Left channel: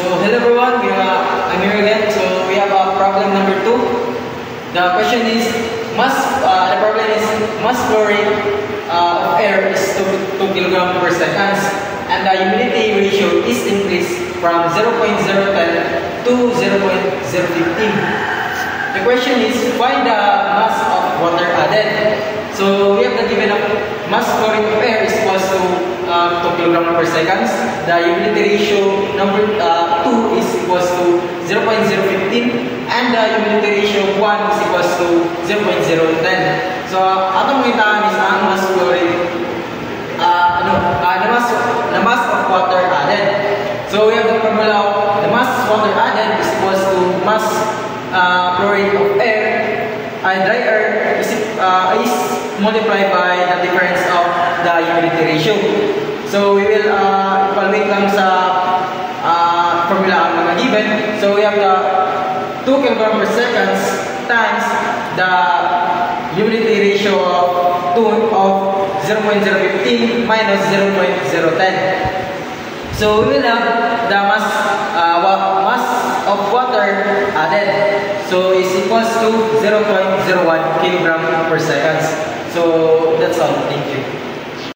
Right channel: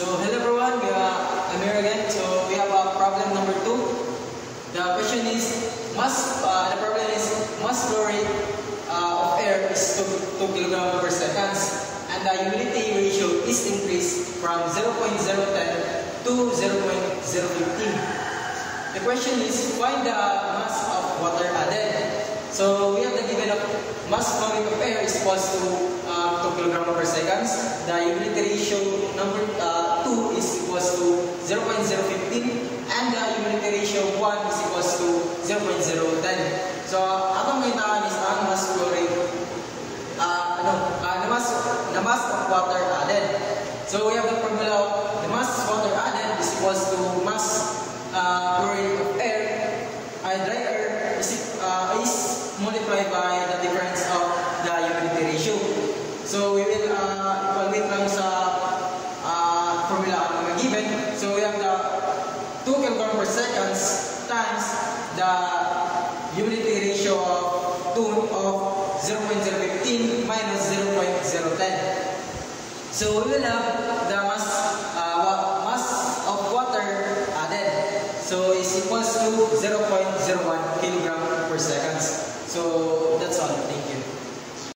Hello everyone, I'm here again. So we have problem number 2. The question is, the problem is mass flow rate of air is 2 kg per second, and the humidity ratio is increased from 0.010 to 0.015. The question is, find the mass of water added. So we have the given of mass flow rate of air is equals to 2 kg per second. The humidity ratio number 2 is equals to 0.015, and the humidity ratio 1 is equals to 0.010. So atong makita is ang mass flow rate, the mass of water added. So we have the formula of the mass water added is equals to mass flow rate of air, and dry air is multiplied by the difference of the humidity ratio. So we will evaluate lang sa formula ang mga given. So we have the 2 kg per second times the humidity ratio of 0.015 minus 0.010. So we will have the mass of water added. So is equals to 0.01 kg per second. So that's all. Thank you.